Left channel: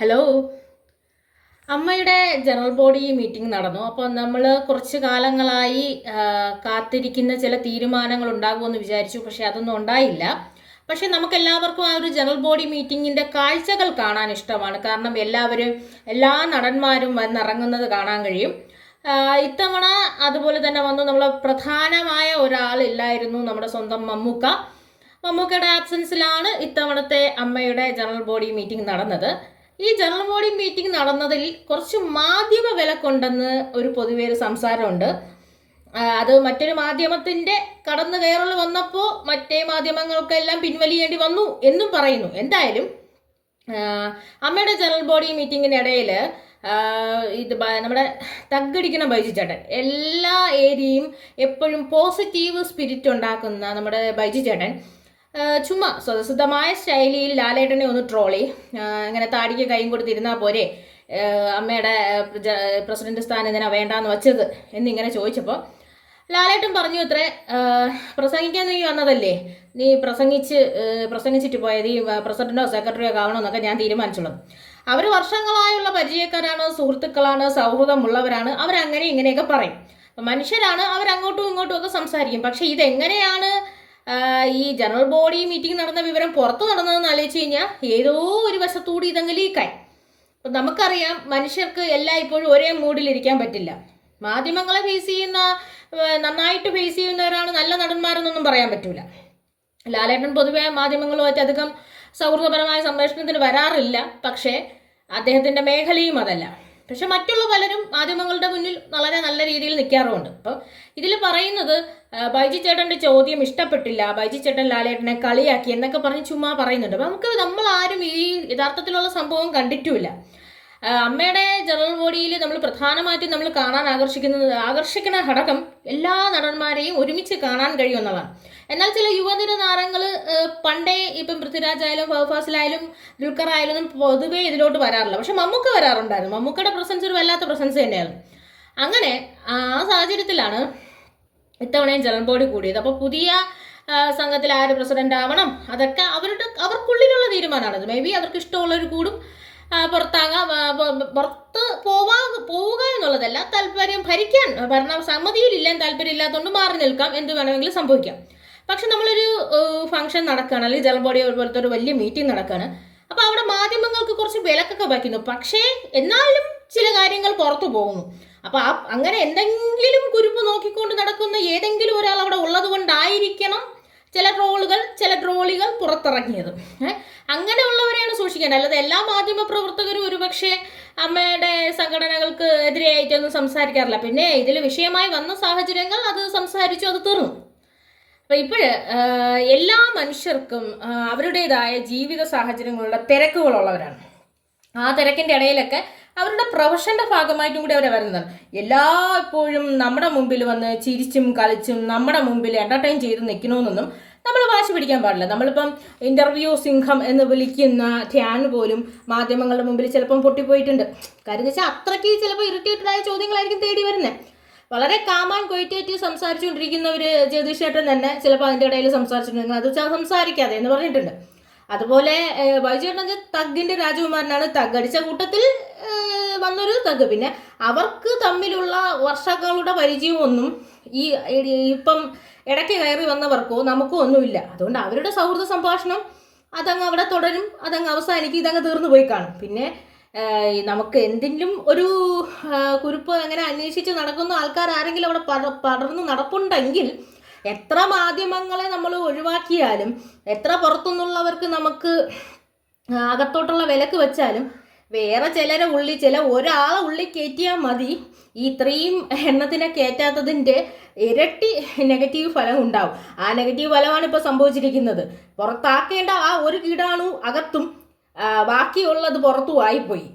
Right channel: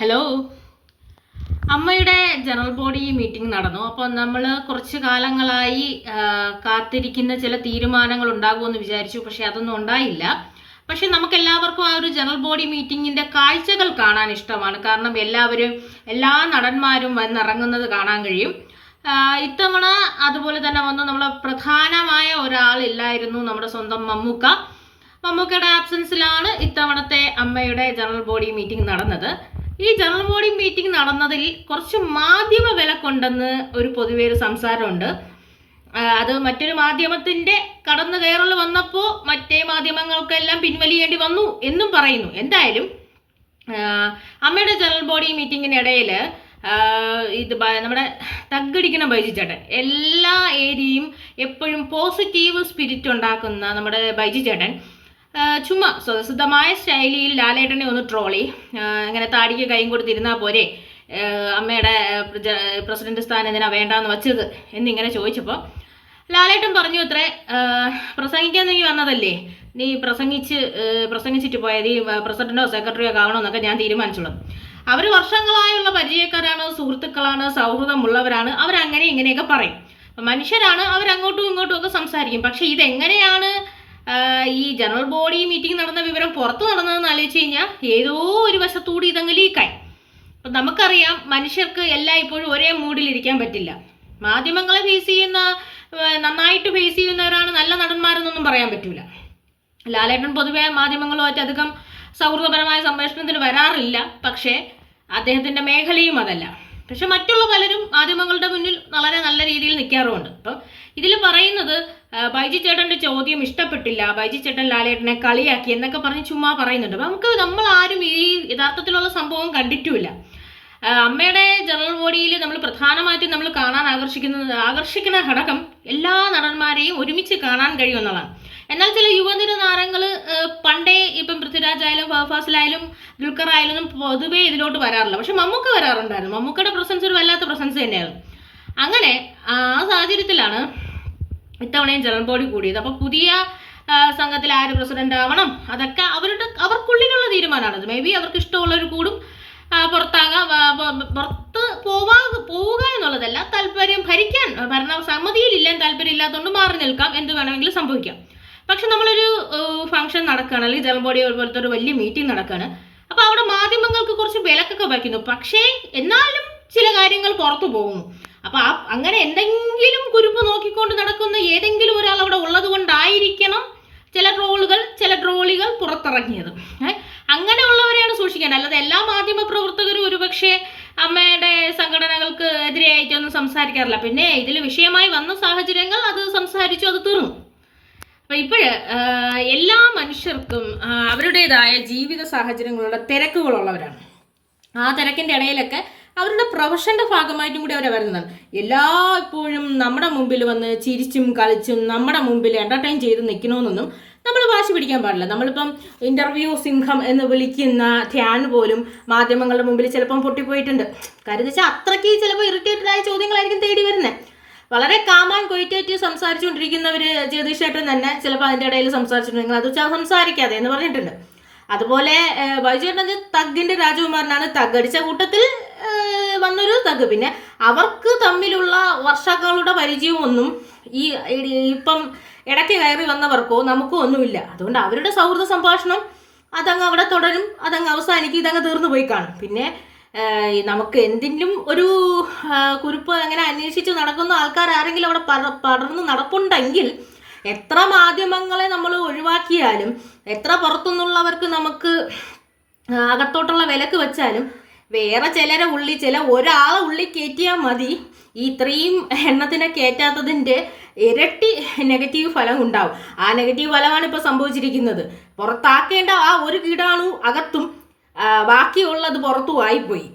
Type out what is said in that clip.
Hello അമ്മയുടെ general body meeting നടന്നു. അപ്പോൾ നമ്മൾ കുറച്ച് കാലങ്ങളായി കാത്തിരിക്കുന്ന ചില തീരുമാനങ്ങൾ ഉണ്ടാകുമെന്ന് വിചാരിച്ചു. പക്ഷേ അതൊന്നും ഉണ്ടായില്ല. പക്ഷേ നമുക്ക് എല്ലാവർക്കും ആ ഒരു ജനറൽ ബോഡി മീറ്റിങ്ങിന്റെ കാഴ്ചകൾ കാണാൻ ഇഷ്ടമാണ്. കാരണം എല്ലാവരും എല്ലാ നടന്മാരും വന്നിറങ്ങുന്നത് കാണാൻ കഴിയും. ഇത്തവണ അതുപോലെ തന്നെ വന്ന് നമ്മൾ പ്രധാനമായ ഒരാളില്ലായിരുന്നു നമ്മുടെ സ്വന്തം മമ്മൂക്ക. മമ്മൂക്കയുടെ ആബ്സൻസിലാണ് ഇത്തവണത്തെ അമ്മയുടെ ജനറൽ ബോഡി മീറ്റിംഗ് നടന്നത്. ഈ ജനറൽ ബോഡി മീറ്റിംഗ് നടന്നതിൽ കുറച്ച് മാധ്യമ വില കൊണ്ടെന്ന് ഒരു പൊതുവെ ഒരു സംസാരമുണ്ട് അത് മറ്റൊരു മാധ്യമത്തിന്റെ കടന്നു കയറൽ വന്നപ്പോൾ മറ്റേ മാധ്യമങ്ങൾക്കെല്ലാം പിൻവലിയേണ്ടി വന്നു എന്നും പറയുന്നു. എന്തായാലും അമ്മയുടെ ജനറൽ ബോഡി മീറ്റിങ്ങിനിടയിൽ ഇത് നമ്മുടെ തഗ്ഗടിക്കണം ബൈജു ചേട്ടൻ എല്ലാ ഏരിയയും എപ്പോഴും പോസിറ്റീവ് സ്പിരിറ്റ് ഉണ്ടാക്കുന്ന നമ്മുടെ ബൈജു ചേട്ടൻ ചുമ്മാ സ്വതസിദ്ധമായ ശൈലിയിൽ ലാലേട്ടനെ ഒന്ന് ട്രോളി. ഇങ്ങനെ താടിക്ക് കൈയും കൊടുത്തിരുന്നാൽ പോരെ. അമ്മയുടെ പ്രസിഡന്റ് സ്ഥാനം എന്തിനാ വേണ്ടാന്ന് വച്ചത് എന്നിങ്ങനെ ചോദിച്ചപ്പോൾ ലാലേട്ടൻ പറഞ്ഞു ഇത്രേ പ്രസംഗിക്കാൻ നീ വന്നതല്ലേ? നീ പ്രസംഗിച്ച് പ്രസംഗിച്ചിട്ട് പോയത് ഈ പ്രസിഡന്റോ സെക്രട്ടറിയോ ആവണമെന്നൊക്കെ ഞാൻ തീരുമാനിച്ചുള്ളൂ അവർ വർഷങ്ങളായുള്ള പരിചയക്കാരാണ് സുഹൃത്തുക്കളാണ് സൗഹൃദമുള്ളവരാണ് അവരങ്ങനെ ഇങ്ങനെയൊക്കെ പറയും. മനുഷ്യരാണ് അവരങ്ങോട്ടും ഇങ്ങോട്ടും ഒക്കെ സംസാരിക്കും. പക്ഷേ ഇതെങ്ങനെയാണ് ഈ ജനറൽ ബോഡി മീറ്റിംഗ് നടന്ന വിവരം പുറത്തു നടന്നതെന്ന് ആലോചിച്ച് കഴിഞ്ഞാൽ ഏതോ ഒരു വശത്തൂടി ഇതങ്ങ് ലീക്കായി അപ്പം നമുക്കറിയാം മനുഷ്യർക്ക് എല്ലാം ഇപ്പോഴും ഒരേ മൂഡിലിരിക്കാൻ പറ്റില്ല. മാധ്യമങ്ങളെ ഫേസ് ചെയ്യുന്ന നന്നായിട്ട് ഫേസ് ചെയ്യുന്നവരാണ് നല്ല നടന്മാരെന്നൊന്നും പറയാൻ പറ്റില്ല ലാലേട്ടൻ പൊതുവെ മാധ്യമങ്ങളുമായിട്ട് അധികം സൗഹൃദപരമായ സംഭാഷണത്തിന് വരാറില്ല. പക്ഷേ അദ്ദേഹത്തിന്റെ മേഖലയും അതല്ല. പക്ഷെ മറ്റുള്ള പലരും മാധ്യമങ്ങളുടെ മുന്നിൽ വളരെ നല്ല രീതിയിൽ നിൽക്കാറുമുണ്ട്. അപ്പം ഇതിൽ പറയുന്നത് ബൈജി ചേട്ടന്റെ ചോദ്യം ഇഷ്ടപ്പെട്ടില്ല ബൈജി ചേട്ടൻ ലാലേട്ടനെ കളിയാക്കി എന്നൊക്കെ പറഞ്ഞ് ചുമ്മാ പറയുന്നുണ്ട്. അപ്പം നമുക്ക് നമ്മൾ ആരും ഈ യഥാർത്ഥത്തിലുള്ള സംഭവം കണ്ടിട്ടുമില്ല. അമ്മയുടെ ജനറൽ ബോഡിയിൽ നമ്മൾ പ്രധാനമായിട്ടും നമ്മൾ കാണാൻ ആകർഷിക്കുന്നത് ആകർഷിക്കുന്ന ഘടകം എല്ലാ നടന്മാരെയും ഒരുമിച്ച് കാണാൻ കഴിയുമെന്നുള്ളതാണ് എന്നാൽ ചില യുവനിര താരങ്ങൾ പണ്ടേ ഇപ്പം പൃഥ്വിരാജ് ആയാലും ഫഹഫാസിലായാലും ദുൽഖർ ആയാലും പൊതുവേ ഇതിലോട്ട് വരാറില്ല. പക്ഷെ മമ്മൂക്ക വരാറുണ്ടായിരുന്നു. മമ്മൂക്കയുടെ പ്രസൻസ് ഒരു വല്ലാത്ത പ്രസൻസ് തന്നെയായിരുന്നു അങ്ങനെ ആ സാഹചര്യത്തിലാണ് ഇത്തവണയും ജനറൽ ബോഡി കൂടിയത്. അപ്പോൾ പുതിയ സംഘത്തിൽ ആര് പ്രസിഡന്റ് ആവണം? അതൊക്കെ അവരുടെ അവർക്കുള്ളിലുള്ള തീരുമാനമാണത് മേ ബി അവർക്ക് ഇഷ്ടമുള്ളവർ കൂടും. പുറത്താകാം പുറത്ത് പോവാ പോവുക എന്നുള്ളതല്ല താല്പര്യം ഭരിക്കാൻ ഭരണ സമ്മതിയിലില്ലാൻ താല്പര്യം ഇല്ലാത്തതുകൊണ്ട് മാറി നിൽക്കാം എന്ത് വേണമെങ്കിലും സംഭവിക്കാം. പക്ഷെ നമ്മളൊരു ഫംഗ്ഷൻ നടക്കുകയാണ് അല്ലെങ്കിൽ ജലം ബോഡി പോലത്തെ ഒരു വലിയ മീറ്റിംഗ് നടക്കുകയാണ് അപ്പോൾ അവിടെ മാധ്യമങ്ങൾക്ക് കുറച്ച് വിലക്കൊക്കെ വയ്ക്കുന്നു. പക്ഷേ എന്നാലും ചില കാര്യങ്ങൾ പുറത്തു പോകുന്നു. അപ്പോൾ ആ അങ്ങനെ എന്തെങ്കിലും കുരുപ്പ് നോക്കിക്കൊണ്ട് നടക്കുന്ന ഏതെങ്കിലും ഒരാൾ അവിടെ ഉള്ളത് കൊണ്ടായിരിക്കണം ചില ട്രോളുകൾ ചില ട്രോളികൾ പുറത്തിറങ്ങിയത്. ഏ? സൂക്ഷിക്കേണ്ടത് അല്ലാതെ എല്ലാ മാധ്യമ പ്രവർത്തകരും ഒരുപക്ഷെ അമ്മയുടെ സംഘടനകൾക്ക് എതിരെയായിട്ടൊന്നും സംസാരിക്കാറില്ല. പിന്നെ ഇതിൽ വിഷയമായി വന്ന സാഹചര്യങ്ങൾ അത് സംസാരിച്ചു അത് തീർന്നു. അപ്പം ഇപ്പോഴ് എല്ലാ മനുഷ്യർക്കും അവരുടേതായ ജീവിത സാഹചര്യങ്ങളുടെ തിരക്കുകളുള്ളവരാണ്. ആ തിരക്കിന്റെ ഇടയിലൊക്കെ അവരുടെ പ്രൊഫഷന്റെ ഭാഗമായിട്ടും കൂടി അവരെ വരുന്നത് എല്ലാ ഇപ്പോഴും നമ്മുടെ മുമ്പിൽ വന്ന് ചിരിച്ചും കളിച്ചും നമ്മുടെ മുമ്പിൽ എന്റർടൈൻ ചെയ്ത് നിൽക്കണമെന്നൊന്നും നമ്മൾ വാശി പിടിക്കാൻ പാടില്ല. നമ്മളിപ്പം ഇന്റർവ്യൂ സിംഹം എന്ന് വിളിക്കുന്ന ധ്യാൻ പോലും മാധ്യമങ്ങളുടെ മുമ്പിൽ ചിലപ്പം പൊട്ടിപ്പോയിട്ടുണ്ട്. കാര്യം വെച്ചാൽ അത്രയ്ക്ക് ചിലപ്പോൾ ഇറിറ്റേറ്റഡ് ആയ ചോദ്യങ്ങളായിരിക്കും തേടി വരുന്നത് വളരെ കാമാൻ കൊയിറ്റേറ്റ് സംസാരിച്ചുകൊണ്ടിരിക്കുന്നവർ ജഗദീഷ് ചേട്ടൻ തന്നെ ചിലപ്പോൾ അതിന്റെ ഇടയിൽ സംസാരിച്ചിട്ടുണ്ടെങ്കിൽ അത് സംസാരിക്കാതെ എന്ന് പറഞ്ഞിട്ടുണ്ട്. അതുപോലെ ഏഹ്, തഗ്ഗിന്റെ രാജകുമാരനാണ് തഗടിച്ച കൂട്ടത്തിൽ വന്നൊരു തഗ്. പിന്നെ അവർക്ക് തമ്മിലുള്ള വർഷങ്ങളുടെ പരിചയമൊന്നും ഈ ഇപ്പം ഇടയ്ക്ക് കയറി വന്നവർക്കോ നമുക്കോ ഒന്നുമില്ല. അതുകൊണ്ട് അവരുടെ സൗഹൃദ സംഭാഷണം അതങ്ങ് അവിടെ തുടരും അതങ്ങ് അവസാനിക്കും ഇതങ്ങ് തീർന്നു പോയി കാണും. പിന്നെ നമുക്ക് എന്തെങ്കിലും ഒരു കുറിപ്പ് അങ്ങനെ അന്വേഷിച്ച് നടക്കുന്ന ആൾക്കാർ ആരെങ്കിലും അവിടെ പട പടർന്ന് നടപ്പുണ്ടെങ്കിൽ എത്ര മാധ്യമങ്ങളെ നമ്മൾ ഒഴിവാക്കിയാലും എത്ര പുറത്തുനിന്നുള്ളവർക്ക് നമുക്ക് അകത്തോട്ടുള്ള വിലക്ക് വെച്ചാലും വേറെ ചിലരെ ഉള്ളി ചില ഒരാളെ ഉള്ളി കയറ്റിയാൽ മതി. ഈ ഇത്രയും എണ്ണത്തിനെ കയറ്റാത്തതിന്റെ ഇരട്ടി നെഗറ്റീവ് ഫലം ഉണ്ടാവും. ആ നെഗറ്റീവ് ഫലമാണ് ഇപ്പോൾ സംഭവിച്ചിരിക്കുന്നത്. പുറത്താക്കേണ്ട ആ ഒരു കീടാണു അകത്തും ബാക്കിയുള്ളത് പുറത്തു ആയിപ്പോയി.